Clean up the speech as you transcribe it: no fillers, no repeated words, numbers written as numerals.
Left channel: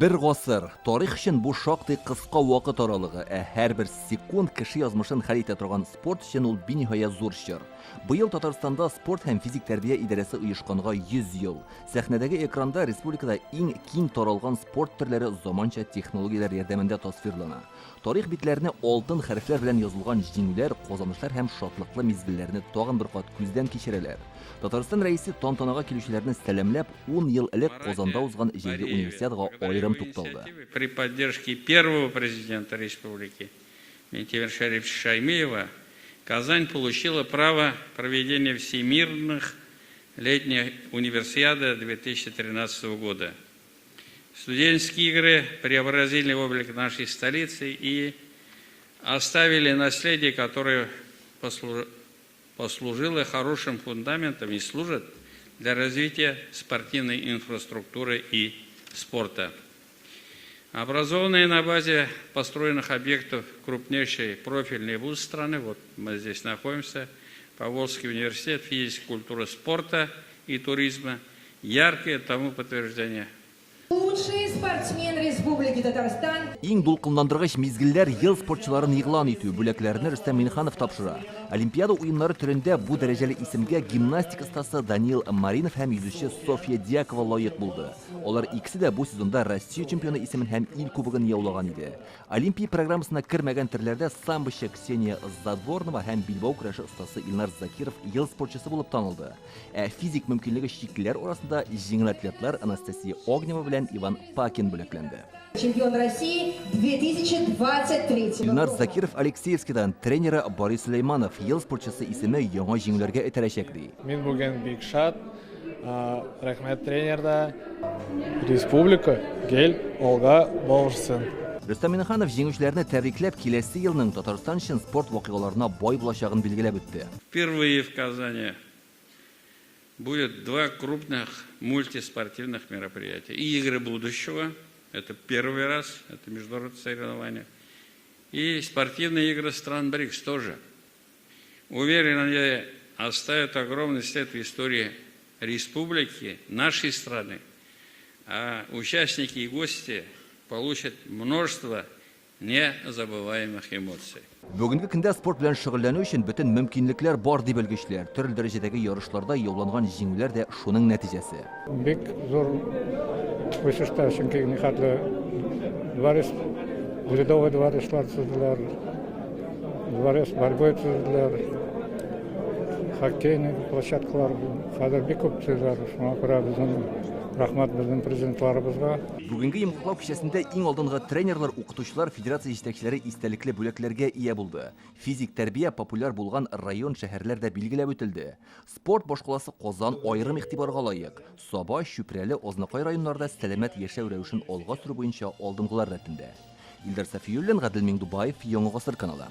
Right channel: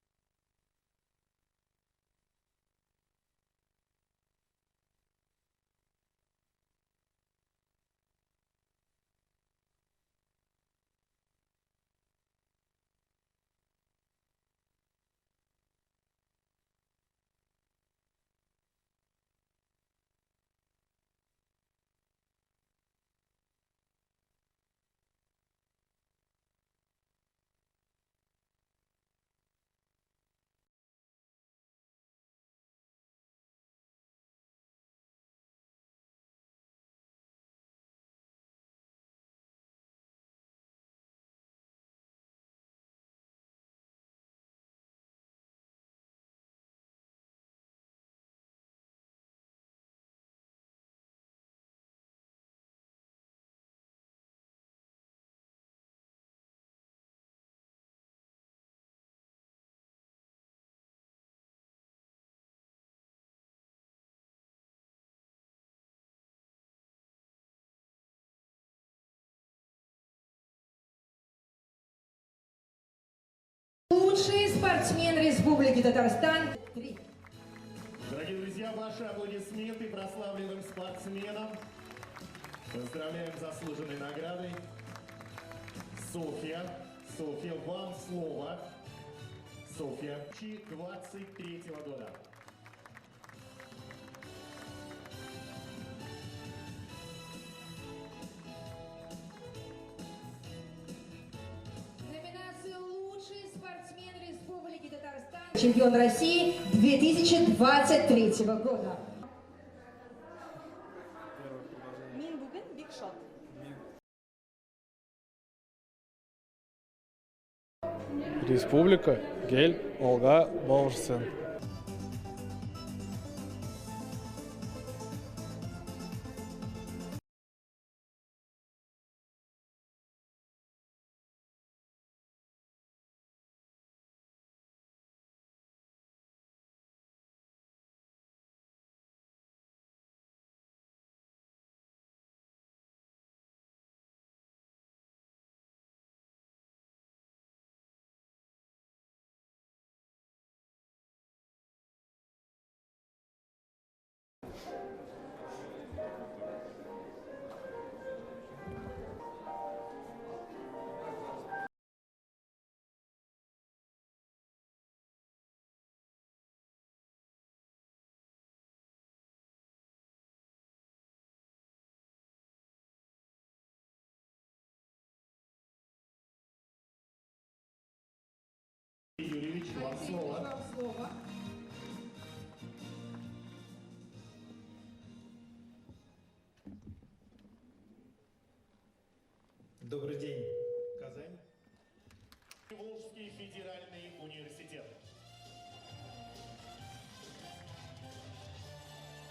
Bir гасыр. Тарих өчен бу шактый кыска вакыт аралыгы, һәр бер секунд кеше язмышын хәл итә торган спорт өчен ул биниһая зур чор. Быел Татарстанда спорт һәм физик тәрбия идарәсе оешканга 100 ел. Сәхнәдәге экранда республикада иң киң таралган спорт төрләре заманча технологияләр ярдәмендә тасвирлана. Тарих битләренә алтын хәрефләр белән язылган җиңүләр, казанышлар һәм шатлыклы мизгелләрне тагын бер кат күздән кичерәләр. Татарстан рәисе тантанага килүчеләрне сәламләп 10 ел элек Казанда узган җиңги универсиадага аерым тукталды. При поддержке первого президента республики Ментимира Шариповича Шаймиева Казань получила право проведения всемирных летних универсиады 2013 года. Студенческие игры преобразили облик нашей столицы и оставили наследие, которое послужило хорошим фундаментом и служит для развития спортивной инфраструктуры и спорта. Образованные на базе построенных объектов крупнейший профильный вуз страны, вот мы здесь находимся, Поволжский университет физической культуры, спорта и туризма, яркое тому подтверждение. Лучший спортсмен Республики Татарстан. Иң дулкынландыргыч мизгелләр ел спортчыларын игълан итү бүләкләренә Рөстәм Миңнеханов тапшыра. Олимпиада уеннары төрендә бу дәрәҗәле исемгә гимнастика остасы Даниил Маринов һәм yüзүче София Дьякова лаек булды. Алар икесе дә бу сезонда Россия чемпионы исемен һәм ил кубогын яулаган иде. Олимпия программасына кермәгән төрләрдә самбочы Ксения Задорнова һәм билбау көрәше остасы Илнар Закиров ел спортчысы булып танылды. Физик мөмкинлеге чиклеләр арасында җиңел атлетлар Анастасия Огнева белән Иван Пакин бүләкләнде. Чемпион России 2023 Илнар Закиров Алексеевскидан тренеры Борис Сулейманов ел спортчысы исеме яңа җиңүләргә этәрәчәк ди. Мин бүген бик шат. Рәхмәт тренерда. Республика гел алга барсын. Рөстәм Миңнеханов җиңүчеләрне тәбрикләп, киләсе елның Татарстан өчен спорт вакыйгаларына бай булачагын билгеләп үтте. Впервые в Казани будет два крупных мультиспортивных мероприятия. И игры будущего, это первый раз, это международное соревнование, и спортивные игры стран БРИКС тоже. Уверен, они оставят огромный след в истории республики, нашей страны, а участники и гости получат множество незабываемых эмоций. Бүгенге көндә спорт белән шөгыльләнү өчен бөтен мөмкинлекләр бар дип белгечләр. Төрле дәрәҗәдәге ярышларда яуланган җиңүләр дә шуның нәтиҗәсе. Бик зур үсештә, чөнки нихәтле рядовой дворислар төзделәр, дворец борьбой төзделәр, хоккейный площадкалар хәзер бик күп төзеләр. Шуңа күрә безнең рәхмәт безнең президентларыбызга. Бүгенге йомгаклау кичәсендә иң алдынгы тренерлар, укытучылар, федерация җитәкчеләре истәлекле бүләкләргә ия булды. Физик тәрбия популяр булган район, шәһәрләрдә билгеләп үтелде. Спорт башкаласы Казан аерым игътибарга лаек. Саба, Чүпрәле, Азнакай районнарда сәламәт яшәү рәвешен алга сөрү буенча алдынгылар рәтендә. Илдар Сафиуллин, Гадел Миңдубаев, Яңа гасыр каналы.